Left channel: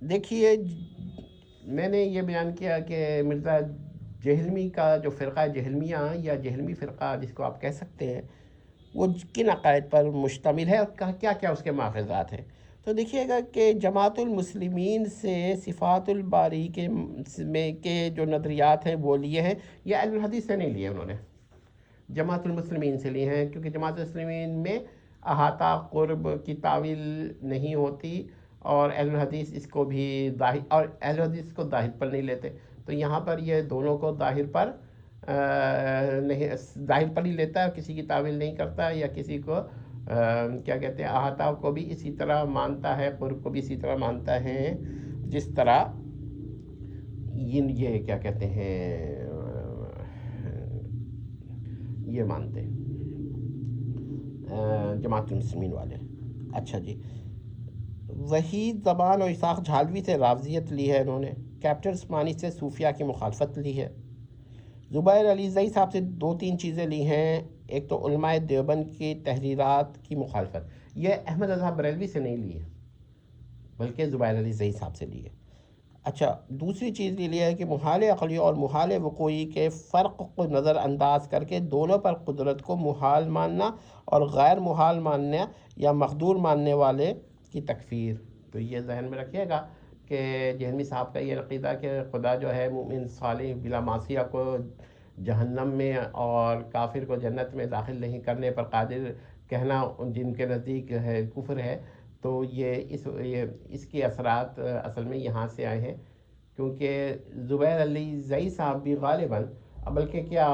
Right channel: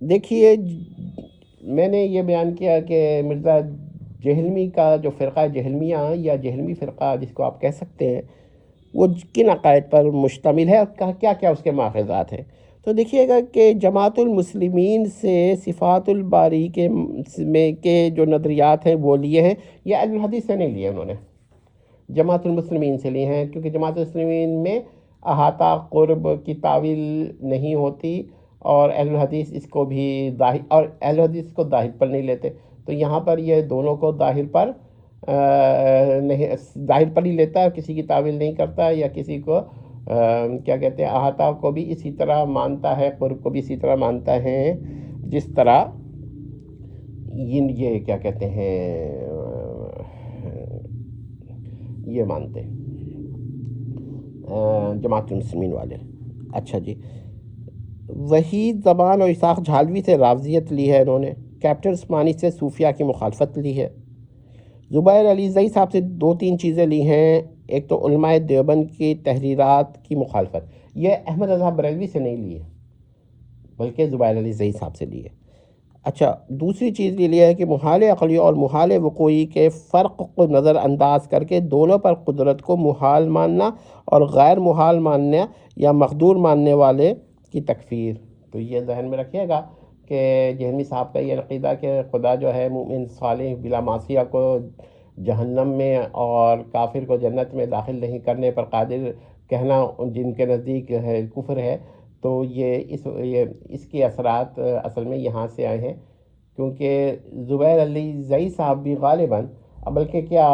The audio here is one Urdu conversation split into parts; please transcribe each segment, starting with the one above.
دیکھیے میں نے یہ بیان کیا کہ مرزا جہلمی کا جو فرقہ جہلمیہ یا جہلمی فرقہ جس کو آپ کہہ سکتے ہیں، وہ کن عقائد پر مشتمل ہے اور کیا کیا اس کے ماخذات ہیں. تو دیکھیے گا کہ جماعت المسلمین سے صفات الباری کے جو نظریات ہیں وہ لیے ہیں، یہ اہل الحدیث سے نہیں لیے انہوں نے، جماعت المسلمین سے لیے ہیں، کیونکہ جماعت المسلمین میں احاطہ قرب کی تعویل نہیں ہوتی، اور اہل الحدیث اس کو بھی ظاہر، اور اہل الحدیث کو ظاہر پر نہیں لیتے. تو یہاں پر یہ دونوں کو ظاہر پر نہیں، ظاہر پر ہی لیتا ہے، کسی کی تعویل نہیں کرتا، یا کسی کو کیا کہتے ہیں احاطہ کو بھی اسی طرح مانتا ہے، قرب کو بھی اسی طرح مانتا ہے جس طرح یہ کیا کہتے ہیں یہ مانتے ہیں جماعت المسلمین والے. اچھا جی، وحید زبان اور اسحاق جھالوی سے رافضیت لی ہے انہوں نے، کیپٹن عثمانی سے صوفیہ کی مخالفت لی ہے. زبیر علی زئی صاحب سے دو تین چیزیں لی ہیں، ایک تو علماء دیوبند کی تحریرات کی مخالفت، یہ احمد رضا بریلوی سے نہیں لی ہے بلکہ زبیر علی زئی صاحب سے لی ہے. اچھا، دوسری چیز یہ ہے کہ محال عقلی اور محال وقوعی کے فرق کو نظر انداز کر کے دونوں پر قدرت کو محال ماننا اور غیر محال ماننے یا مقدور ماننے والے کی تکفیر. تو یہ ذہن میں رکھیے گا کہ جہلمی صاحب کا یہ عقیدہ کہ خدا جو ہے مومن صالح بلا معصیہ کو جہنم میں اور کافر کو جنت میں داخل نہیں کرنے پر قادر کہنا جن کے نزدیک ہے کفر ہے. تو یہ اس کے اثرات اصل میں یہاں سے آئے ہیں، کیونکہ زبیر علی زئی صاحب بھی غالباً بلکہ کیا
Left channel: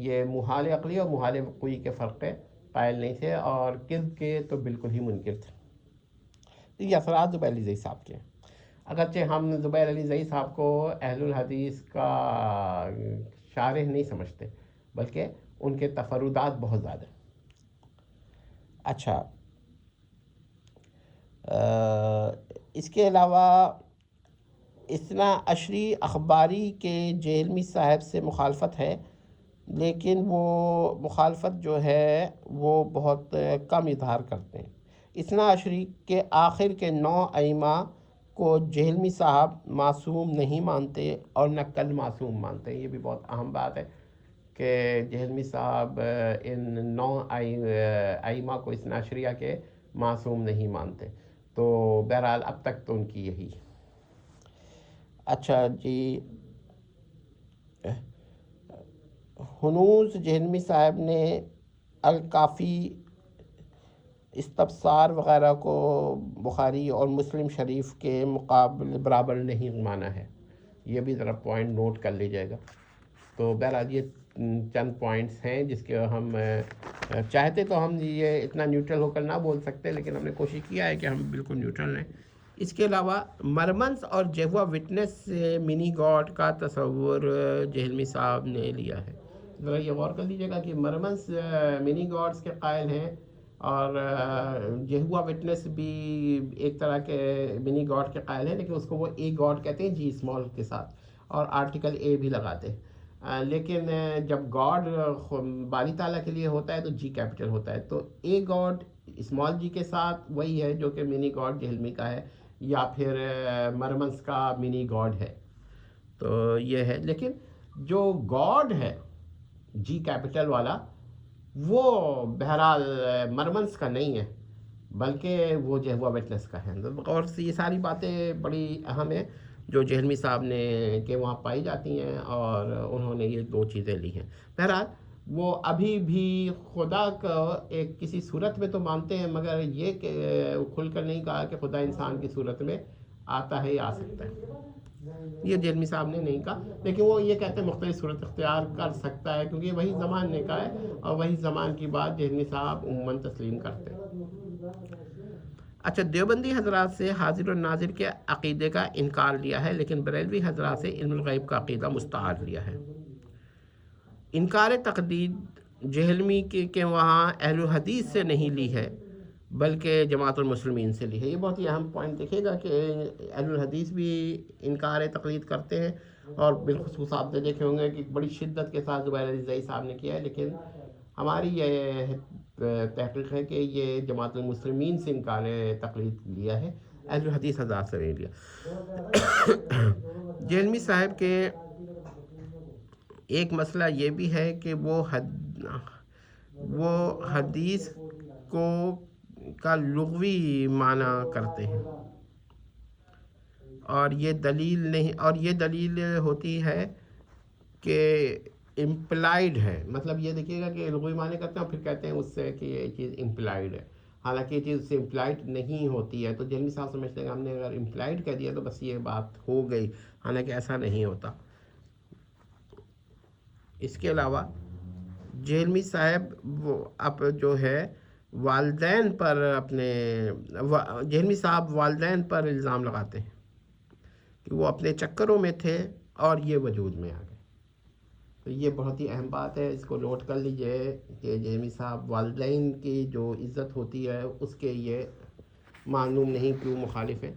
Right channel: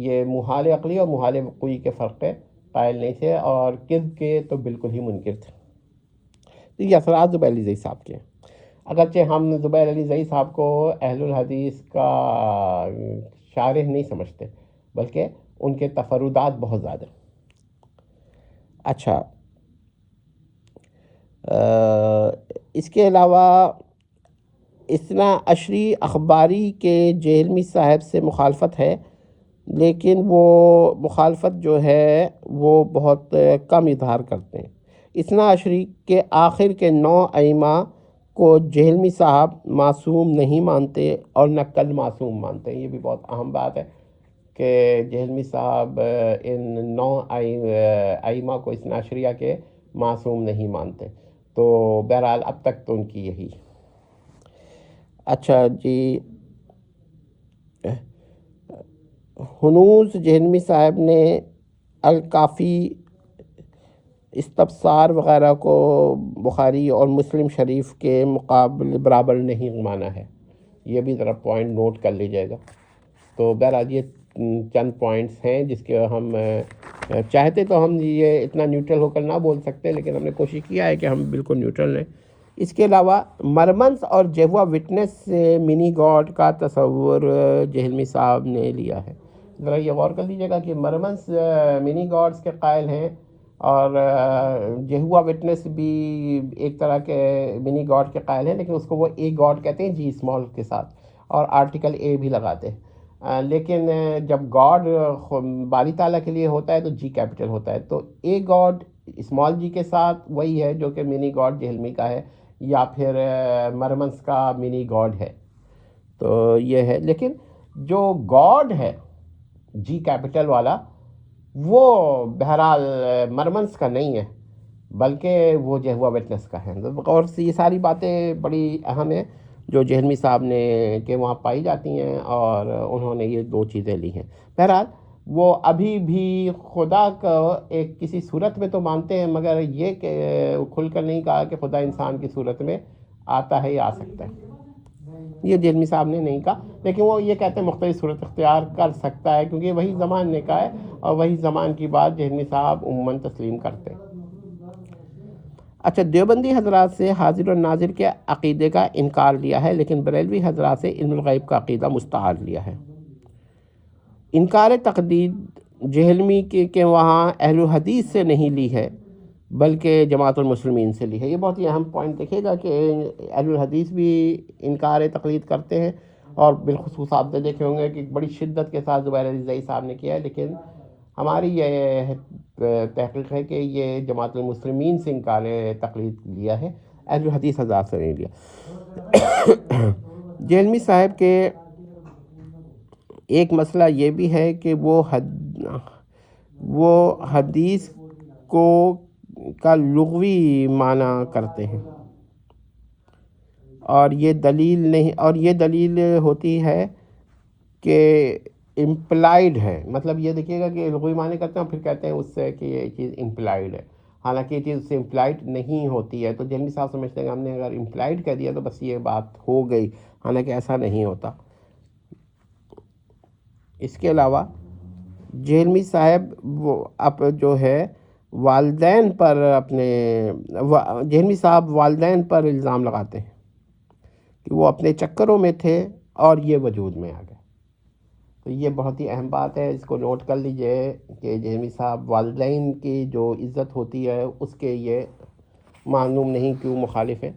یہ محال عقلی اور محال وقوعی کے فرق قائل نہیں تھے، اور کذب کے تو بالکل ہی منکر تھے. تو یہ اثرات زبیر علی زئی صاحب کے ہیں. اگرچہ ہم زبیر علی زئی صاحب کو اہل الحدیث کا شارح نہیں سمجھتے، بلکہ ان کے تفردات بہت زیادہ. اچھا، اس کے علاوہ اثنا عشری اخباری کے جہلمی صاحب سے مخالفت ہے، لیکن وہ مخالفت جو ہے وہ بہت کم اظہار کرتے ہیں. اثنا عشری کے آخر کے 9 ائمہ کو جہلمی صاحب معصوم نہیں مانتے اور نہ کل معصوم مانتے ہیں. یہ بھی بہت اہم بات ہے کہ جہلمی صاحب ان 9 ائمہ کو اثنا عشریہ کے معصوم نہیں مانتے. تو بہرحال اب تک تو ان کی یہی. اچھا جی، ہنوز جہلمی صاحب نے الکافی، استبصار وغیرہ کو بخاری اور مسلم شریف کے مقابل برابر نہیں مانا ہے. یہ بھی ذرا پوائنٹ نوٹ کر لیجیے گا. تو بہرحال یہ چند پوائنٹس ہیں جس کے ہم چاہتے تو ہم یہ اتنا نیوٹرل ہو کر نہ بول سکتے، لیکن ہم نے کوشش کیا ہے کہ ہم بالکل نیوٹرل رہیں. اس کے علاوہ مرمنس اور جیہوا وٹنس سے منی گاڈ کا تصور جہلمی صاحب نے لیا ہے. ذرا یہ غور کر لیجیے گا کہ مرمنس منی گاڈس کے قائل ہیں، اور جیہوا وٹنس بھی ایک طرح کے منی گاڈ کے قائل ہیں، لیکن اس کو وہ اے گاڈ کہتے ہیں جی اسمال کے ساتھ، اور آرٹیکل اے بھی لگاتے ہیں. لیکن جب گاڈ باری تعالیٰ کے لیے ہوتا ہے تو جی کیپٹل ہوتا ہے. تو اے گاڈ اسمال جی کے ساتھ وہی ہے جو کہ منی گاڈ جہلمی کا ہے، یا پھر مرمنس کا منی گاڈ ہے. تو یہ ہے، لیکن جو گاڈ ہے جی کیپٹل والا وہ بہرحال مرمنس کا نہیں ہے، بلکہ وہ جیہوا وٹنس کا ہے. اور یہ ساری باتیں بڑی اہم ہیں جو جہلمی صاحب نے کہ وہاں پائی جاتی ہیں، اور انہوں نے یہ 2 چیزیں لی ہیں. بہرحال وہ ابھی بھی خدا کو ایک کسی صورت میں تو مانتے ہیں، مگر یہ کہ کھل کر نہیں کہا کہ خدا انسان کی صورت میں آتا ہے یا آ سکتا ہے. یہ جہلمی صاحب نے نہیں کہا، لیکن وہ یہ کہتے ہیں مختلف صورت اختیار کر سکتا ہے، کیونکہ وہی زمان نے کہا ہے، اور وہی زمان کی بات جہلمی صاحب عموماً تسلیم کرتے ہیں. اچھا، دیوبندی حضرات سے حاضر و ناظر کے عقیدے کا انکار لیا ہے، لیکن بریلوی حضرات سے علم الغیب کا عقیدہ مستعار لیا ہے. انکار تقدید جہلمی کے وہاں اہل الحدیث سے نہیں لی ہے بلکہ جماعت المسلمین سے لی ہے. یہ بہت ہی اہم پوائنٹ دیکھیے گا کہ اہل الحدیث بھی انکار تقلید کرتے ہیں، اور بالخصوص آپ نے دیکھے ہوں گے کہ بڑی شدت کے ساتھ زبیر علی زئی صاحب نے کیا ہے. لیکن ہماری یہ تحقیق ہے کہ یہ جماعت المسلمین سے انکار تقلید لیا ہے. اہل الحدیث حضرات سے نہیں لیا۔ جہلمی صاحب کے ایک مسئلہ یہ بھی ہے کہ وہ حدیث کا لغوی معنی کرتے ہیں، اور یہ دلیل نہیں، اور یہ دلیل ہوتی ہے کہ امپلائڈ ہے، مطلب یہ دیکھیے گا کہ لغوی معنی کرتے ہیں پھر کہتے ہیں اس سے کہ یہ چیز امپلائڈ ہے، حالانکہ یہ چیز اس سے امپلائڈ نہیں ہوتی ہے۔ تو جہلمی صاحب سمجھتے ہیں کہ ہم نے اگر امپلائڈ کہہ دیا تو بس یہ بات ہو گئی، حالانکہ ایسا نہیں ہوتا۔ اس کے علاوہ جہلمی صاحب اب جو ہے والدین پر جہلمی صاحب والدین پر الزام لگاتے ہیں کہ وہ اپنے چکروں میں تھے اور یہ وجود میں آ گئے۔ تو یہ بہت ہی اہم بات ہے، اس کو نوٹ کر لیجئے کہ جہلمی صاحب والدین کی جو عزت ہوتی ہے اس کے یہ معلوم نہیں کیوں مخالف ہیں،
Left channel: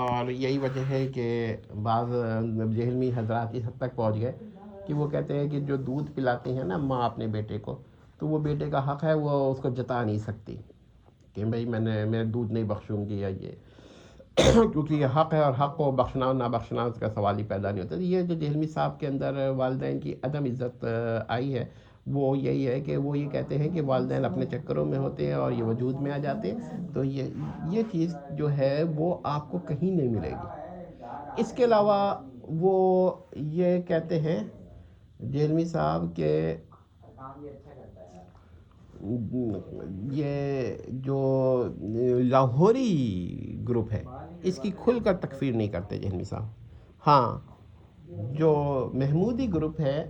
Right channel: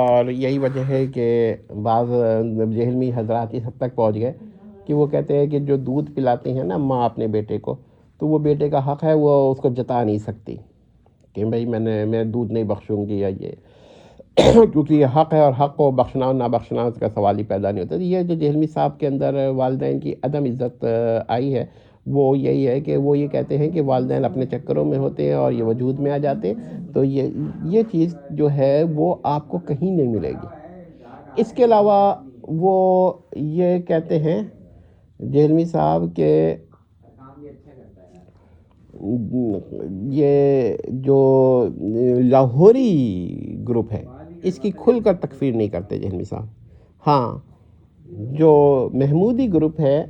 اور یہی وجہ ہے کہ بعض جہلمی حضرات اس حد تک پہنچ گئے کہ وہ کہتے ہیں کہ جو دودھ پلاتے ہیں نا ماں اپنے بیٹے کو، تو وہ بیٹے کا حق ہے، وہ اس کو جتا نہیں سکتی کہ بھئی میں دودھ نہیں بخشوں گی یا یہ، کیونکہ یہ حق ہے، اور حق کو بخشنا اور نہ بخشنا اس کا سوال ہی پیدا نہیں ہوتا۔ یہ جو جہلمی صاحب کے اندر والدین کی عدم عزت آئی ہے وہ یہی ہے کہ وہ یہ کہتے ہیں کہ والدین اپنے چکروں میں ہوتے ہیں اور یہ وجود میں آ جاتے، تو یہ چیز جو ہے وہ آپ کو کہیں نہیں ملے گی۔ اس کے علاوہ وہ یہ کہتے ہیں جہلمی صاحب کہ یہ جو لاہوری گروپ ہے اس کی کھل کر تکفیر نہیں کرتے جہلمی صاحب، ہاں جو محمودی گروپ ہے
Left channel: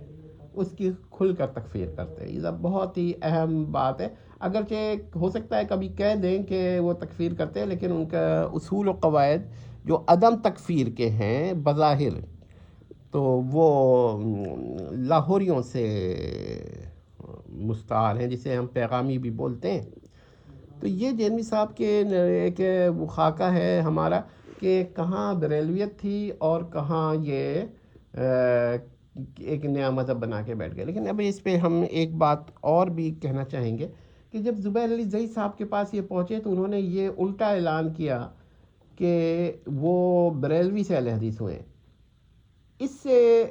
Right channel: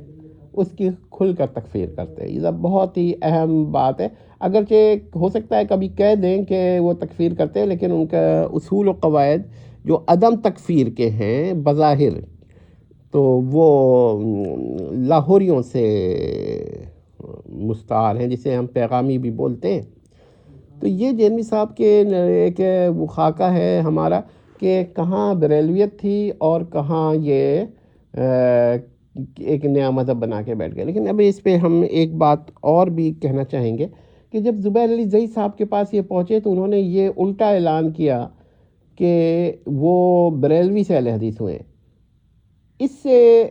اس کی کھل کر تکفیر کرتے ہیں۔ یہ بہت ہی اہم بات ہے، اگرچہ ہو سکتا ہے کبھی کہہ دیں کہ وہ تکفیر کرتے ہیں، لیکن ان کا اصول و قواعد جو عدم تکفیر کے ہیں بظاہر، تو وہ لاہوریوں سے مستعار ہیں، جسے ہم پیغامی بھی بولتے ہیں۔ تو یہ جہلمی صاحب کے ایک خاکہ ہے ہمارا کہ کہاں بریلویت تھی اور کہاں یہ ایک نیا مذہب بنا کے بیٹھ گئے۔ لیکن اب اس پہ ہم ایک بات اور بھی کہنا چاہیں گے کہ جب زبیر علی زئی صاحب کے پاس یہ پہنچے تو انہوں نے یہ الٹا اعلان کیا کہ وہ بریلوی سے اہل حدیث ہوئے۔ اس سے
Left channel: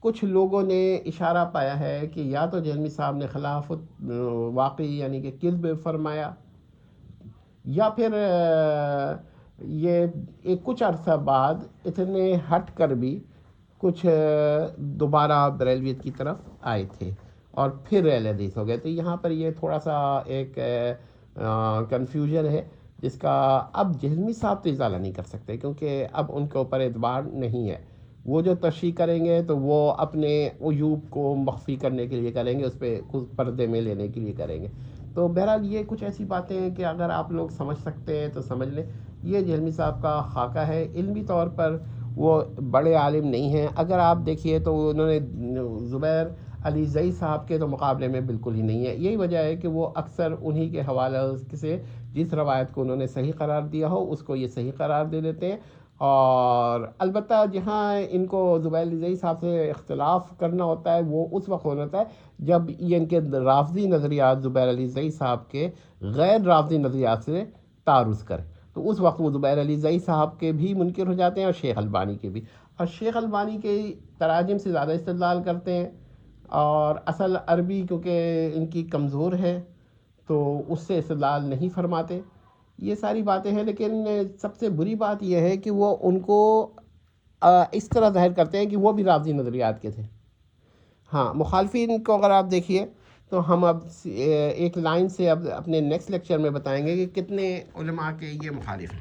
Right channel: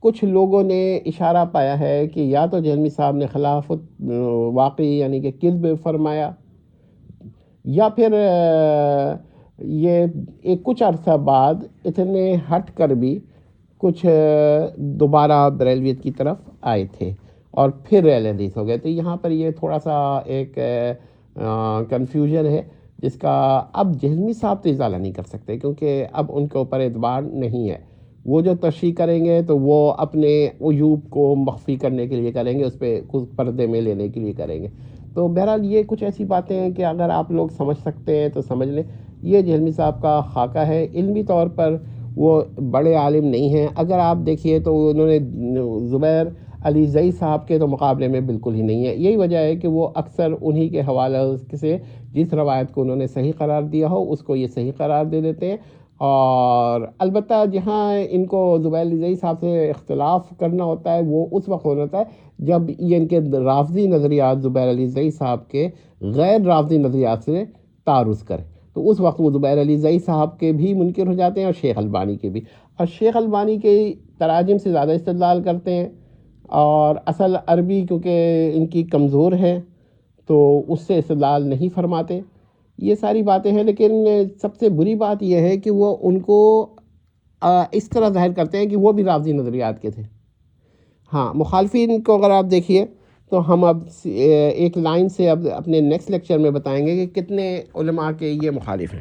کچھ لوگوں نے اشارہ پایا ہے کہ یا تو جہلمی صاحب نے خلافت واقعی یعنی کہ کذب فرمایا، یا پھر یہ ایک کچھ عرصہ بعد اتنے ہٹ کر بھی کچھ دوبارہ بریلویت کی طرف آئے تھے اور پھر اہل حدیث ہو گئے۔ تو یہاں پر یہ تھوڑا سا ایک کنفیوژن ہے جس کا اب جہلمی صاحب تو ازالہ نہیں کر سکتے، کیونکہ اب ان کے اوپر اعتبار نہیں ہے۔ وہ جو تشریح کریں گے تو وہ اپنے عیوب کو مخفی کرنے کے لیے کریں گے، اس پہ کچھ پردے میں لینے کے لیے کریں گے۔ تو بہرحال یہ کچھ ایسی باتیں ہیں کہ اگر آپ لوگ سمجھ سکتے ہیں تو سمجھ لیں۔ یہ جہلمی صاحب کا خاکہ ہے، علمی طور پر وہ بڑے عالم نہیں ہیں۔ اگر آپ دیکھیے تو انہوں نے زبیر علی زئی صاحب کے تو مقابلے میں بالکل ہی نہیں ہے۔ یہی وجہ ہے کہ وہ اکثر انہی کے حوالے سے جس روایت کو انہوں نے صحیح قرار دیا ہو اس کو یہ صحیح قرار دے دیتے ہیں، اور البتہ جہاں ان کو زبیر علی زئی صاحب سے اختلاف کرنا ہوتا ہے وہ اس وقت ہوتا ہے جب یہ ان کے رافضی نظریات زبیر علی زئی صاحب کے غیر رافضی نظریات سے تعارض کرے، تو اس وقت وہ زبیر علی زئی صاحب کے بھی منکر ہو جاتے ہیں اور شیخ البانی کے بھی، اور شیخ البانی کے تراجم سے زیادہ استدلال کرتے ہیں، اور اصل عربی کیونکہ ان کی کمزور ہے تو اس سے استدلال نہیں فرماتے۔ یہ ساری باتیں ہیں، لیکن سب سے بری بات یہ ہے کہ وہ ان کو اس طرح ظاہر کرتے ہیں کہ وہ بھی رافضی نظریات کے تھے۔ ہاں، مخالفین کو اگر آپ دیکھیے تو ہم اب ایک لائن سے اب اپنے نیکسٹ لیکچر میں بتائیں گے کہ کتنے علماء کے یہ مخالف ہیں۔